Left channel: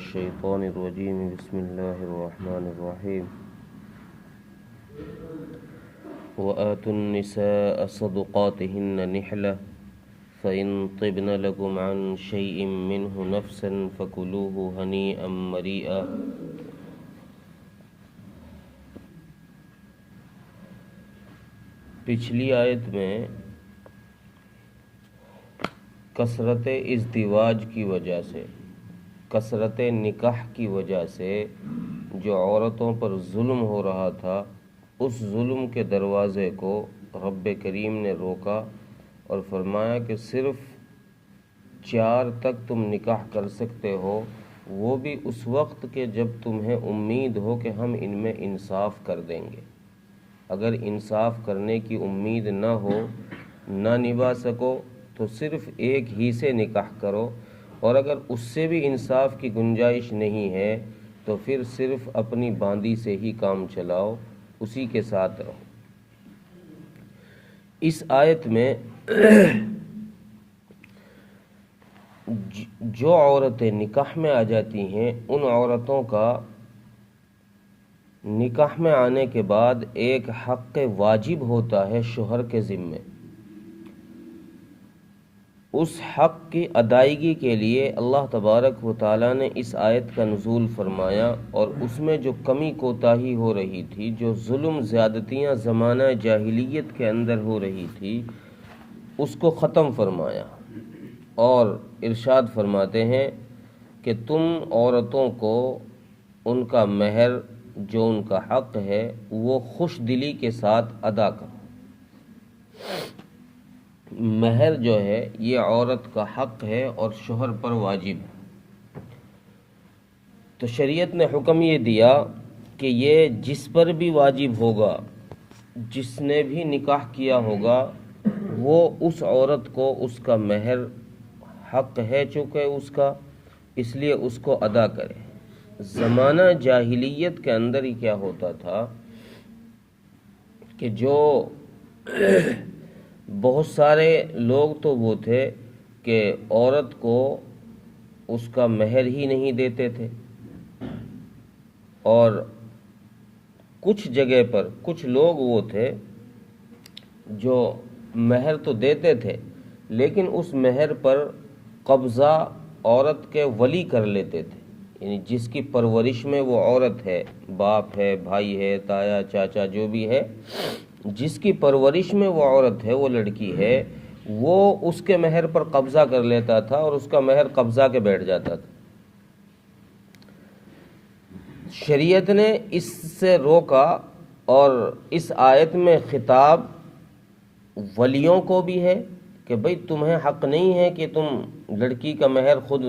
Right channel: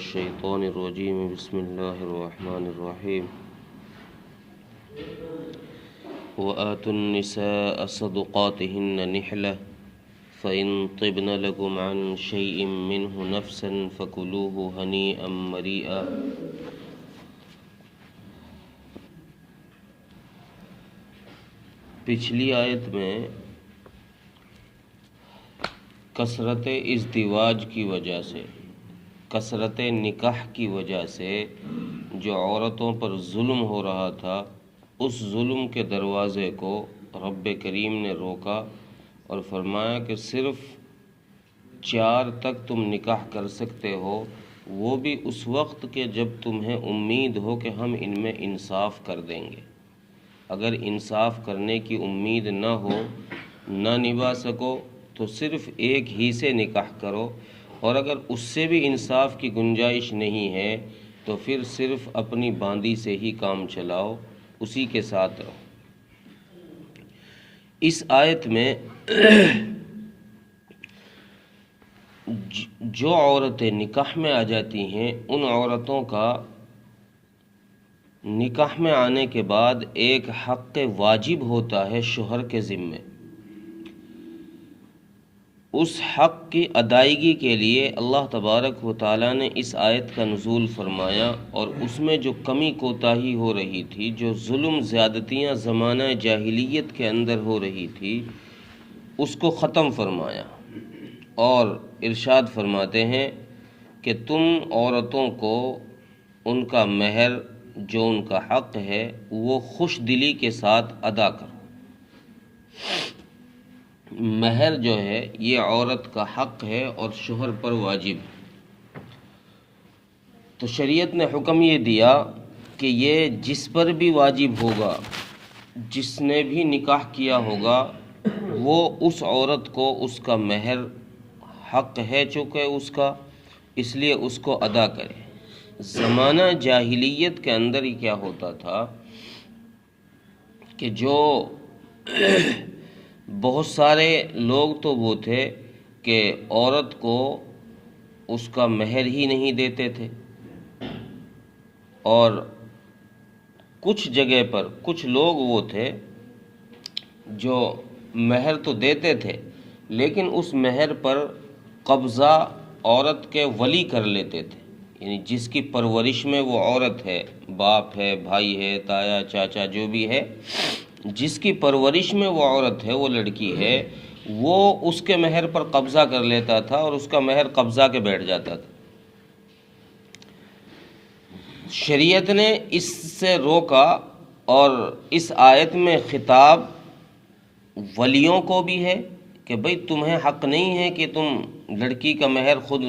الشيطان الرجيم بسم الله الرحمن الرحيم وآتوا النساء صدقاتهن نحلة فإن طبن لكم عن شيء منه نفسا فكلوه هنيئا مريئا۔ پچھلی آیت میں کثرت ازدواج کی وجہ سے، کثرت نکاح کی وجہ سے جو عورتوں پر ظلم ہو رہا تھا، اس ظلم کے دروازے کو رب کریم نے روکا اور فرمایا کہ صرف 4 تک تم نکاح کر سکتے ہو، وہ بھی اس وقت کہ جب تمہیں امید ہو کہ ہم ان میں انصاف کر دیں گے۔ اگر انصاف کرنے کی امید نہ ہو، نہ نبھا سکو تو صرف ایک ہی سے نکاح کرو، اور اگر اس سے بھی انصاف کی گنجائش نہیں ہے تو پھر صرف اپنی باندی سے ہی کام چلاؤ، اسی کے ساتھ رہو۔ اس آیت میں جو عورتیں نکاح میں آ جاتی ہیں، ان عورتوں کا نکاح میں آنے کے بعد ایک حق واجب ہوتا ہے شوہر کے ذمے۔ اس حق کی ادائیگی کے لیے اللہ تبارک و تعالیٰ نے اس آیت کا نزول فرمایا، اور اس میں جو کمی کوتاہی ہو رہی تھی، جو ظلم زیادتیاں زمانہ جاہلیت کے اندر ہو رہی تھی، اس کو ختم فرمایا، اور ارشاد فرماتے ہیں کہ تم عورتوں کو ان کا مہر جو ان کا حق ہے وہ خوش دلی کے ساتھ ادا کرو۔ مہر جو ہے یہ عورت کا حق ہے اور شوہر پر واجب ہے۔ تو شریعت نے حکم یہ دیا کہ یہ جس پر بھی واجب ہوگا، جس نے بھی نکاح کیا ہوگا، وہ اس عورت کو اس کا مہر حق ہے چونکہ اس کا، اس لیے اس کو ادا کرے۔ زمانہ جاہلیت کے اندر ہی کیا ہوتا تھا کہ جو بہت سارے لوگ تو وہ تھے کہ عورت کو اس کا مہر ہی نہیں دیتے تھے، اور کچھ جگہ پر کچھ لوگ وہ تھے جو مہر تو دیتے تھے لیکن اس مہر پر قبضہ عورت کے ولی کر لیتے تھے، یعنی جس کی پرورش میں وہ عورت ہے، باپ ہے، بھائی ہے، تایا، چاچا، جو بھی ہے، جس کی پرورش میں وہ عورت ہے، وہ لڑکی ہے، وہ اس کے مہر پر قبضہ کر لیتا تھا اور اس کا مہر قبضہ کے بیٹھ جاتا تھا۔ شریعت نے اس سے روکا، اور اس آیت میں خطاب ولیوں کو بھی ہے کہ بھئی تمہیں حق نہیں ہے کہ تم لڑکی کا مہر خود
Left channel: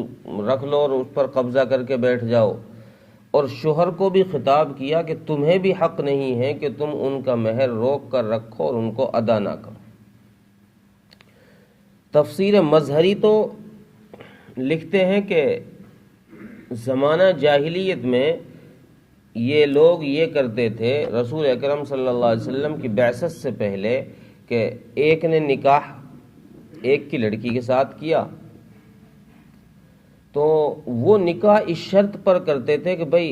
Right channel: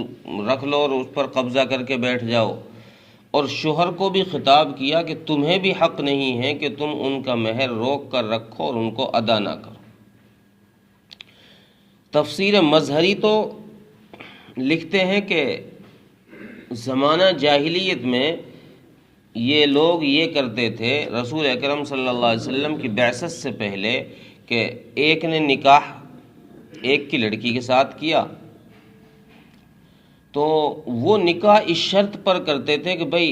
رکھ لو اور اس پر قبضہ کر کے بیٹھ جاؤ، اور شوہر کو بھی خطاب کیا کہ تمہیں بھی حق نہیں ہے کہ تم ان کا مہر روک کر رکھو اور ان کو ادا نہ کرو۔ تفسیر مظہری تو لکھتے ہیں کہ زمانہ جاہلیت میں یہ لوگ یہ کرتے تھے، رسول اکرم صلی اللہ علیہ وسلم کی بعثت سے پہلے، کہ ایک نے نکاح ایک کی لڑکی کے ساتھ کیا تو وہ نکاح اس شرط پر کرتے تھے کہ بھئی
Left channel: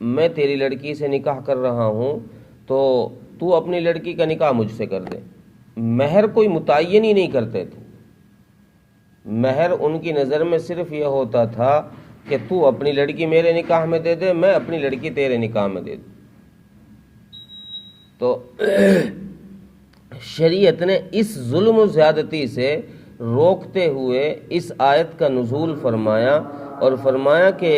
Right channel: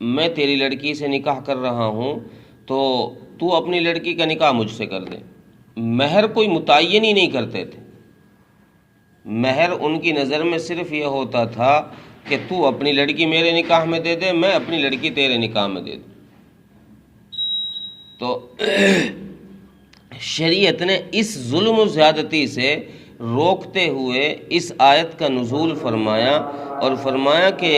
میں تیری لڑکی سے نکاح کر رہا ہوں تو اپنی لڑکی کا نکاح مجھ سے کر دے۔ مہر کوئی متعین ہی نہیں کرتے تھے، مہر ان کی نظر میں صرف یہ ہوتا تھا کہ تو اپنی لڑکی میرے نکاح میں دے دے، میں اپنی لڑکی تیرے نکاح میں دے دوں۔ تو شریعت نے اس ظلم و زیادتی سے روکتے ہوئے اس آیت کا نزول فرمایا، اور فرمایا کہ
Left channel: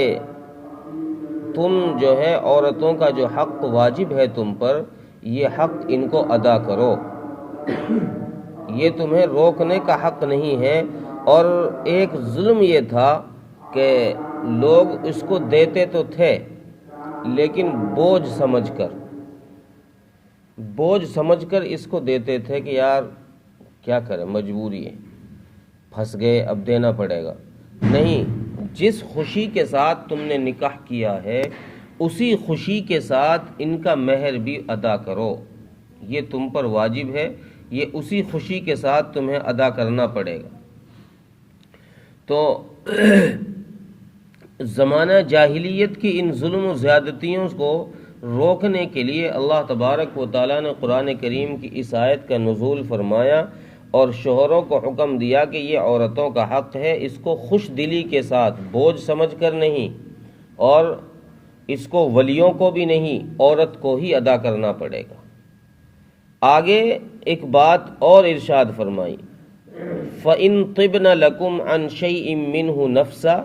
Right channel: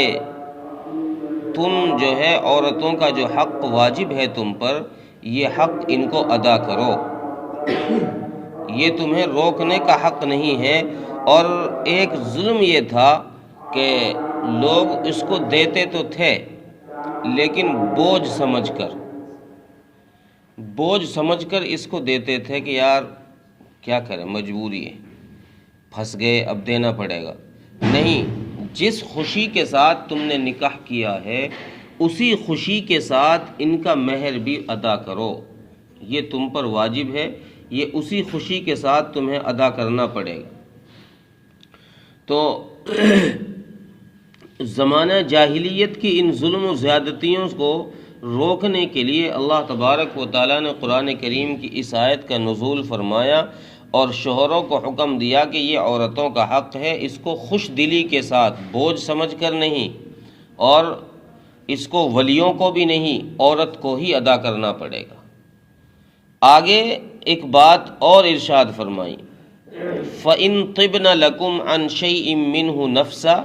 تم جو ہے عورتوں کا جو حق واجب ہے تم پر، یہ حق ان کو ادا کرو، یہ تمہیں روکنے کا حق نہیں ہے۔ اور ایک ظلم یہ تھا کہ لوگ اس کو دیتے تو تھے لیکن بوجھ سمجھ کر اس کو دیتے تھے کہ یار کیا کریں، مجبوری ہے، پھنس گئے، اب دینا پڑے گا۔ نہیں، جس خوشی کے ساتھ تم نے نکاح کیا ہے اسی خوشی کے ساتھ ان کا مہر بھی ادا کرو، یہ تم پر واجب ہے، یہ اسی خوشی کے ساتھ تمہیں ادا کرنا پڑے گا۔ تو زمانہ جاہلیت کی ان ظلم و زیادتیوں کو روکنے کے لیے اللہ تبارک و تعالیٰ نے قرآن کریم کی اس آیت کا نزول فرمایا اور شوہروں کو حکم دیا کہ یہ عورتوں کا حق ہے، اس کو خوش دلی کے ساتھ، بوجھ سمجھ کر نہیں، اور اس کو ولیوں کو بھی نہیں، عورت کو ہی ادا کرنا پڑے گا۔ آگے ایک بات اور ارشاد فرمائی، فَإِن طِبْنَ لَكُمْ عَنْ شَيْءٍ مِّنْهُ نَفْسًا،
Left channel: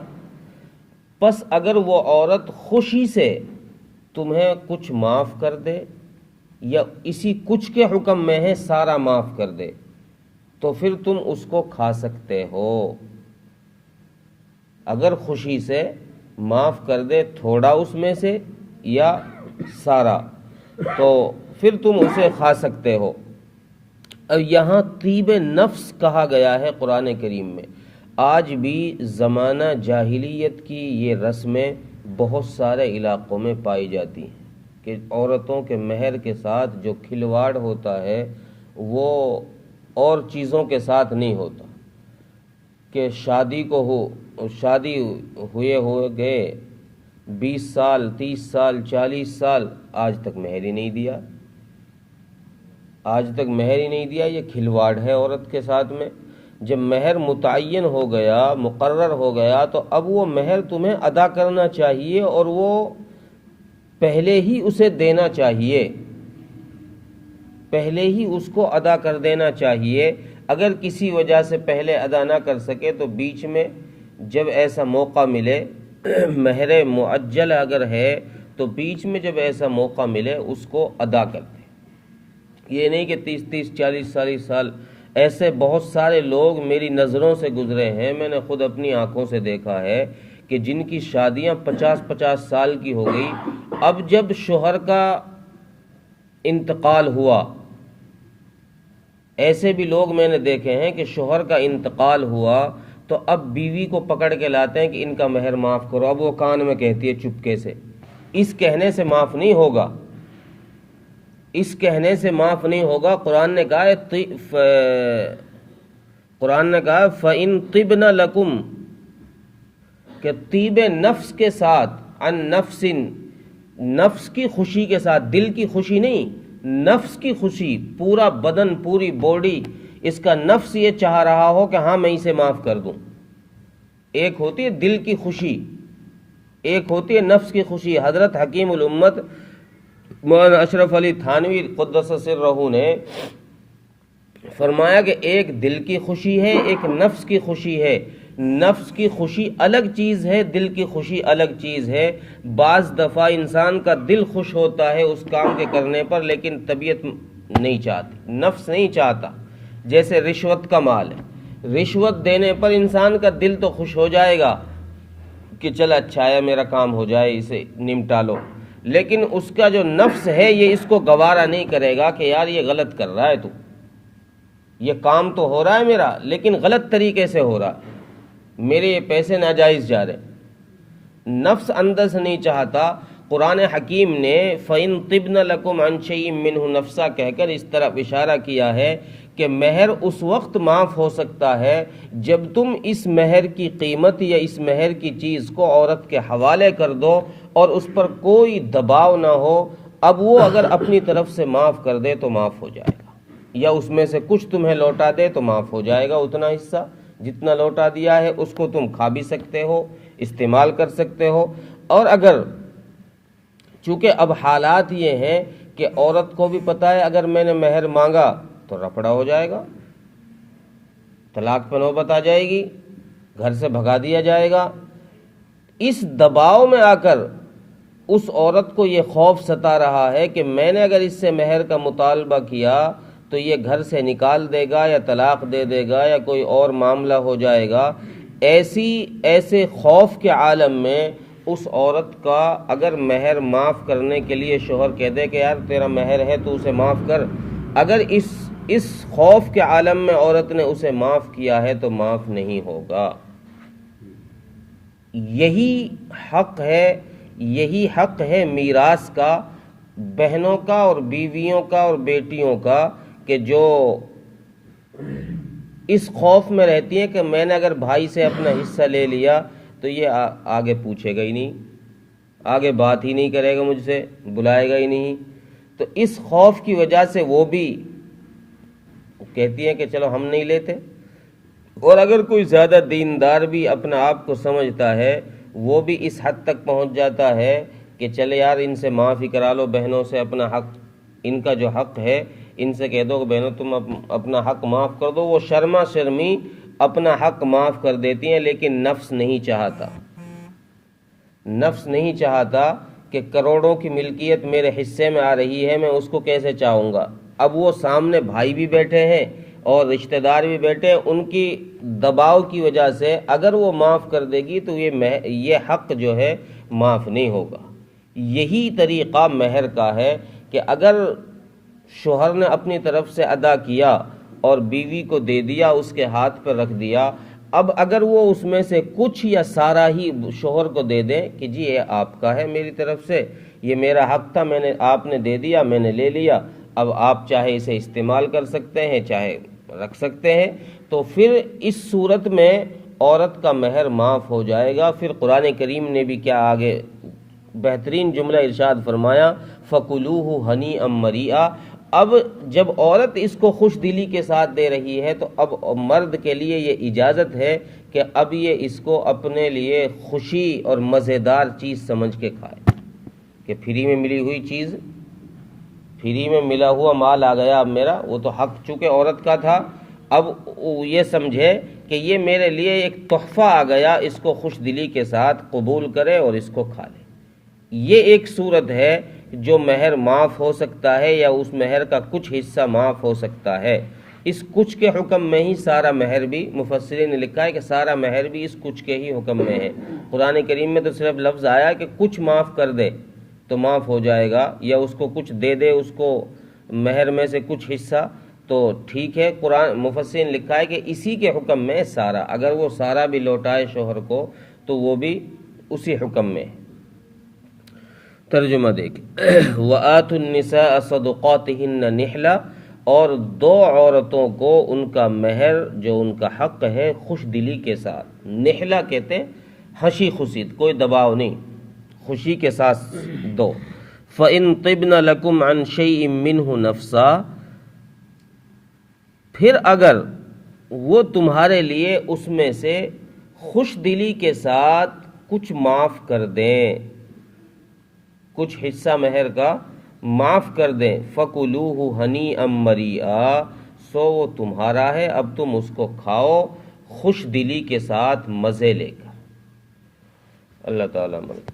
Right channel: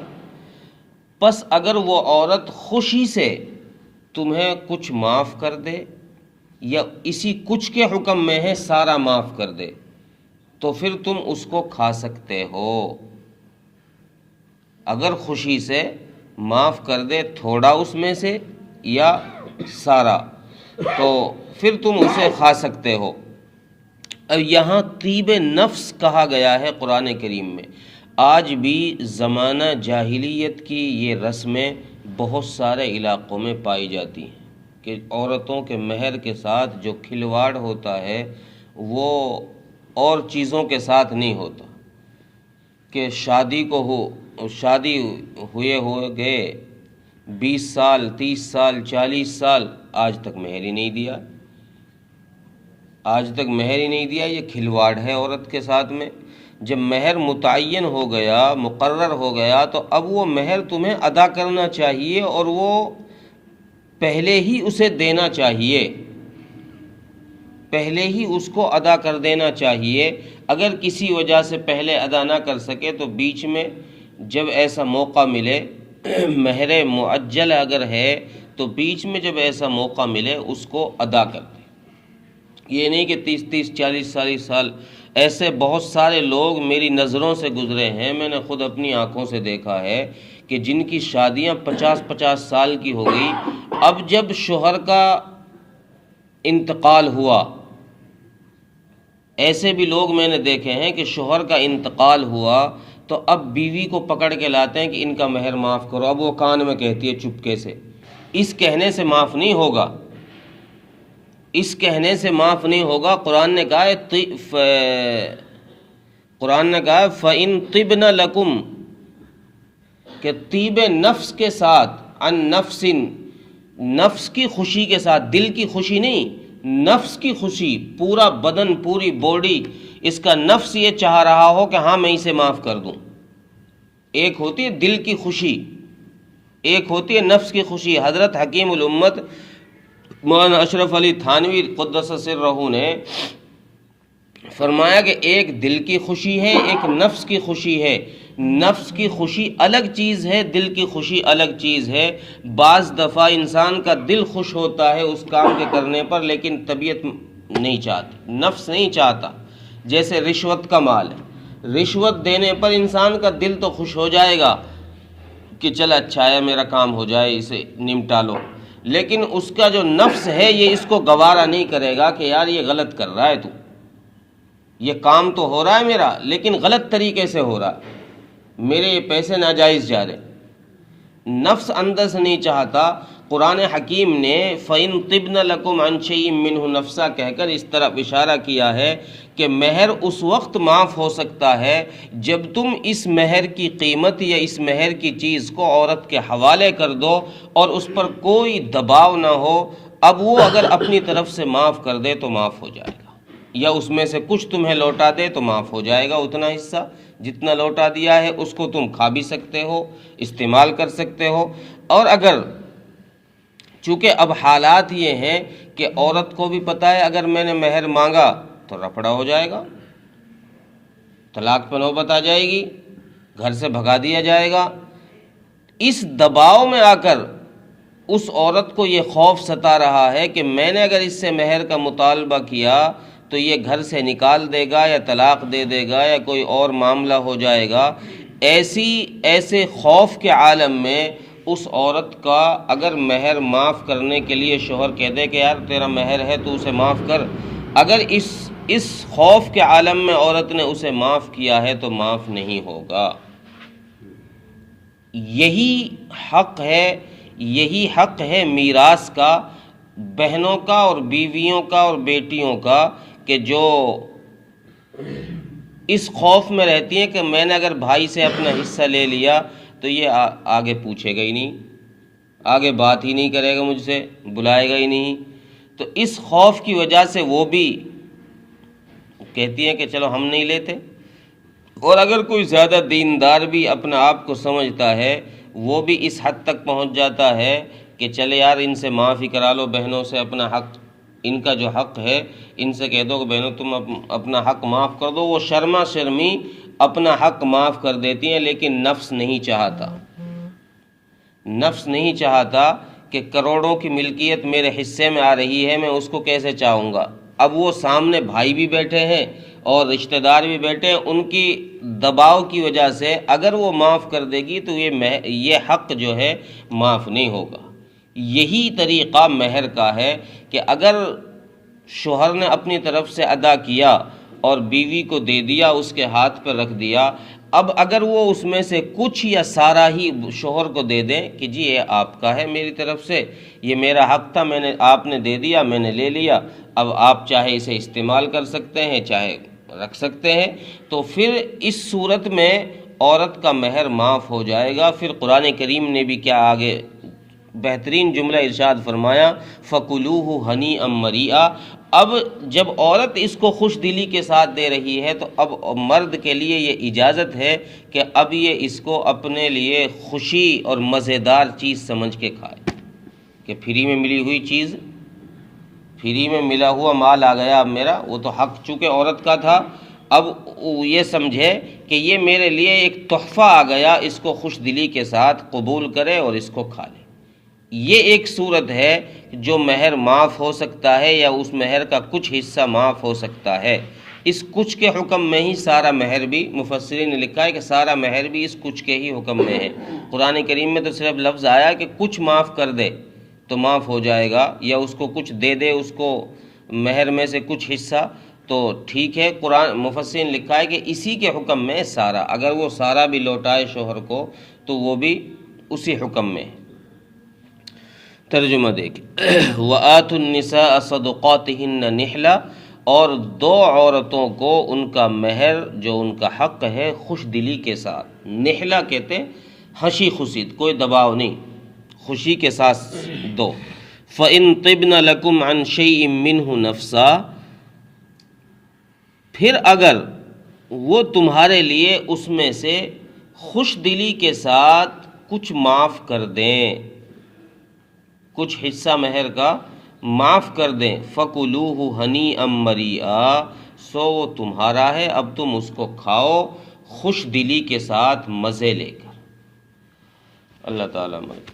پس اگر وہ عورت خوشی سے تمہیں کچھ معاف کر دے یا اسی کچھ کے حکم میں ہے سارا معاف کر دے تو پھر تم اس کو کھا سکتے ہو۔ اگر خوشی سے معاف کر دے تھوڑا اس میں سے یا سارا تو پھر تم اسے کھا سکتے ہو۔ اب یہاں طیب نفس کہا گیا ہے قرآن کریم میں۔ آج بھی زمانہ جاہلیت کی یہ رسمیں بہت سارے علاقوں میں پائی جاتی ہیں کہ عورتوں کے مہر کے ساتھ جو کھلواڑ ہوتا ہے وہ اور چیزوں کے ساتھ نہیں ہوتا، کہ شادی ہوئے گئے 20 سال 30 سال 40 سال آج تک مہر ہی نہیں دیا، یہ کھلواڑ ہے عورت کے ساتھ میں۔ جب مہر متعین ہو گیا، مقرر ہو گیا، تو اب وہ مہر تمہیں ادا کرنا چاہیے اور وہ پہلے ہی اسے دینا چاہیے، پہلے ہی اس کو ادا کر دینا چاہیے۔ اگر کسی وجہ سے پہلے ادا نہ کر سکے تو بیچ میں جب ایسا موقع ملے، مہر معجل اگر ہے تو بیچ میں جب ایسا موقع ملے اس کو ادا کر دے۔ یہ نہیں کہ 30 40 سال ایسے بہت سارے لوگ میری نظروں سے گزرے ہیں، میں نے خود اپنی آنکھوں سے دیکھا ہے کہ جن کی شادیاں 50 سال کی ہو گئی، اب جب شوہر کا انتقال ہوا، ایسے بھی لوگ میں نے دیکھے ہیں کہ شوہر کا انتقال ہوا تو اب بیوی کو پکڑ کے لاتے ہیں کہ ان کا مہر معاف کرو۔ اب وہ کان میں کہتی ہے چپکے سے، اس کہنے سے معاف نہیں ہوگا، اس کہنے سے معاف نہیں ہوگا۔ قرآن نے کہا ہے فَإِن طِبْنَ لَكُمْ، کہ طیب نفس کے ساتھ، عن نفس، نفس کی خوشی کے ساتھ، دل کی خوشی نہیں، نفس کی خوشی، پورا بدن پوری باڈی اس کا نفس یہ چاہ رہا ہو کہ ہاں میں اسے معاف کر دوں۔ ایک ہوتی ہے دل کی خوشی، ایک ہوتی ہے نفس کی خوشی۔ حضرت حکیم الامت مولانا اشرف علی تھانوی قدس سرہ نے فرمایا کہ ایک دل کی خوشی ہے، ایک نفس کی خوشی ہے۔ نفس کی خوشی الگ چیز ہے، دل کی خوشی الگ چیز ہے۔ بعض دفعہ انسان کا دل خوش ہوتا ہے اس کام کے کرنے پر، لیکن طبیعت نہیں چاہتی، نفس نہیں چاہتا۔ جیسے رشوت کا مال ہے، رشوت دینے پر انسان کا دل تو خوش ہو جائے گا کہ چل اچھا ہے میرا کام ہو جائے، اسے نمٹا لو، لیکن اس کا جو نفس ہے یہ اس کو گوارا نہیں کرے گا کہ یار یہ غلط کر رہا ہے تو، یہ کام تو ہو رہا ہے میرا لیکن غلط طریقے سے ہو رہا ہے، میرے یہ پیسے ناجائز جا رہے۔ نفس اندر سے نہیں چاہتا۔ قرآن حکیم نے فَإِن طِبْنَ لَكُمْ عَنْ شَيْءٍ مِّنْهُ نَفْسًا کہہ کر اس طرف اشارہ کیا ہے کہ مہر اس وقت معاف ہو سکتا ہے جب تم اس مہر کی قیمت یا اس مہر کی چیز کو عورت کے حوالے کر دو اور اس پر کوئی دباؤ نہ ہو۔ اب وہ اگر اپنی طرف سے معاف کر دے تو معاف ہو جائے گا، یا اس میں سے کچھ تمہیں لوٹا دے تو معاف ہو جائے گا۔ اتنا حصہ جتنا لوٹا دیا ہے اس کو تم کھا بھی سکتے ہو، استعمال کر سکتے ہو۔ اور اگر چونکہ اب حالات یہ ہیں کہ عورت کو بھی پتہ ہے اگر میں نے مہر مانگا تو رفڑا ہو جائے گا، طلاق پہ نوبت آ جائے گی، گھر سے بھگا دیا جائے گا۔ اس دباؤ میں آ کر اس عورت کو یہ خوف ستا رہا ہے کہ میں نے اگر اس سے مہر کا مطالبہ کیا تو یہ گھر سے نکال دے گا یا طلاق دے دے گا یا کوئی اور معاملہ ہو جائے گا۔ ایسے خوف کے عالم میں اس عورت کا اگر مہر معاف کرنے کے لیے شوہر کہہ دے کہ یار تیرا مہر ہے تو اسے معاف کر، اگر اس خوف کے عالم میں عورت نے اسے معاف کیا ہے تو معاف نہیں ہوگا۔ یہی حق ہے میراث کا، بہنوں کا اور بیویوں کا اور بیٹیوں کا، کہ جو اس خوف میں رہتی ہیں کہ میں نے اگر بھائی سے اپنا حصہ لے لیا تو یہ آگے پوچھے گا ہی نہیں، آگے بات ہی نہیں کرے گا مجھ سے، بلائے گا ہی نہیں۔ تو اس خوف کی وجہ سے وہ بھی کہتی ہیں کہ چلو ہم نہیں لیتے۔ اور اگر کوئی زیادہ دیندار بھی اپنا آپ کو سمجھتا ہے، وہ بھی اس حد تک پہنچ جاتا ہے کہ چلے یار ان سے معافی کرا لو، بہنوں سے اپنا حق، ان کا جو حق ہے ان سے کہہ دو کہ بہنوں تم اپنا حق معاف کر دو۔ وہ شرما شرمی اپنا حق معاف کر دیتی ہیں، لیکن نفس نہیں چاہتا، نفس نہیں چاہتا کہ کروڑوں کی ملکیت میرے حصے میں آ رہی ہے، میں اس کو کیسے چاہوں گا۔ اب وہ سامنے بھائی بھی بیٹھے ہیں اور رشتہ دار بھی بیٹھے ہیں، ان کی دباؤ کی وجہ سے اگر وہ معاف کر دے گی تو یہ حق جو ہے معاف نہیں ہوگا۔ یہی طریقہ مہر کا ہے کہ اگر شوہر نے اپنی طرف سے ادا کیا اور بیوی کو دے دیا، اس کے ہاتھ پر رکھ دیا، اب اگر وہ اس میں سے کچھ یا سارا ہی شوہر کو دے دے کہ جی یہ آپ کا ہے، میری طرف سے یہ میرا حق تھا، آپ نے دے دیا، میں نے لے لیا، اب آپ چاہے اسے استعمال کر سکتے ہیں چاہے رکھ سکتے ہیں، تو پھر اس صورت میں عورت کا مہر معاف ہو جائے گا۔ پھر قرآن کریم نے بھی کیا آگے بہترین جملہ ارشاد فرمایا، فَكُلُوهُ هَنِيئًا مَرِيئًا۔ اب جب عورت اس کو خوش دلی کے ساتھ دے رہی ہے تو اب مرد کے لیے یہ اجازت ہے کہ اب یہ اس کو اپنے لیے خوشی اور مزیدار چیز سمجھ کے کھائے، کہ فری میں ملی ہوئی چیز، فری میں ملا ہوا مال آ گیا اب میرا، وہ تو حق چونکہ عورت کا تھا، اب یہ سمجھے کہ یہ میرے لیے ایک تحفہ آ گیا، اس کو خوش دلی کے ساتھ قبول کرے اور اس کو کھا لے۔ یہ ایک صورت ہے جو مہر معاف ہو سکتا ہے یا اس مہر کا کچھ حصہ معاف ہو سکتا ہے۔ اس کچھ کے حکم میں ہی سارا مہر بھی، مفسرین نے لکھا ہے کہ سارا مہر بھی اس کچھ کے ہی حکم میں ہے۔ قرآن کریم میں تو صرف لفظ آیا کہ کچھ معاف کر دے تو معاف ہو جائے گا، یا اس کو کچھ دے دے، اس کو مہر میں سے کچھ حصہ، تو ٹھیک ہے۔ قرآن مفسرین نے لکھا ہے کہ اسی کے حکم میں سارا، اگر وہ سارا بھی لوٹائے شوہر کو تو وہ بھی اسی حکم میں ہے۔ ترجمہ دیکھیں، وَآتُوا النِّسَاءَ صَدُقَاتِهِنَّ نِحْلَةً، اور دو عورتوں کو ان کا مہر جو ان کا حق ہے خوش دلی کے ساتھ، نحلہ کہتے ہیں ہنسی خوشی، کوئی دباؤ نہیں، خوشی کے ساتھ دو۔ فَإِن طِبْنَ لَكُمْ عَنْ شَيْءٍ مِّنْهُ نَفْسًا، پھر اگر وہ تمہارے لیے اس میں سے خوش دلی کے ساتھ کچھ معاف کر دیں، کچھ حصہ مہر کا معاف کر دیں، فَكُلُوهُ هَنِيئًا مَرِيئًا، سو وہ تمہارا ہے، اب تم اس کو کھاؤ خوش دلی کے ساتھ، مزے لے کر۔ اللہ تعالیٰ